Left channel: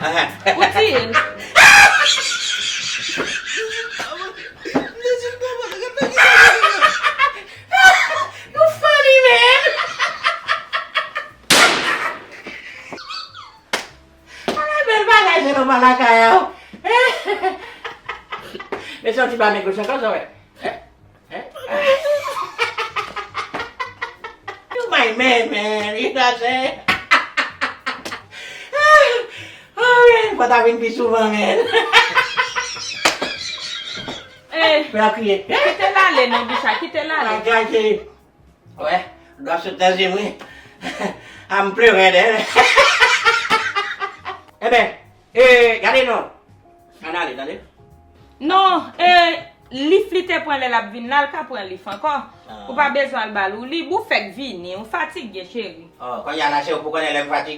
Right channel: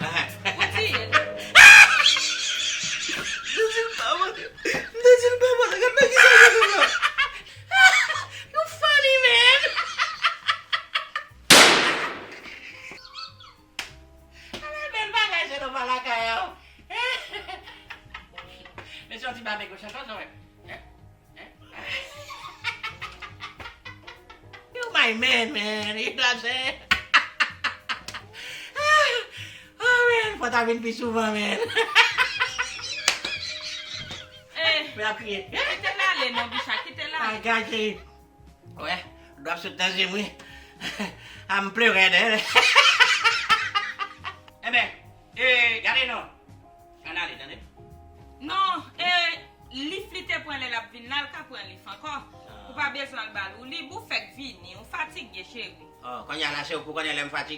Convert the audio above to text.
Putin. You funny, man. Berbagai sih rumah lakay. Besok tiba negosiasi kau soalnya. You my man. You know say. Oh man, patawin bisu man. Berarti. Kita lale non Bicha, kita lale. Agak. Ouais, dans ce deuxième oui. En plus rien d'elle. Eh ben, regardez non. Allez. Non, li flite pour la vin là, ka pour li encore. Ou pas besoin de balou, li bou fait vini, on fatigue chérie. Oh, quand il y a la chez vous connaissez la fatigue.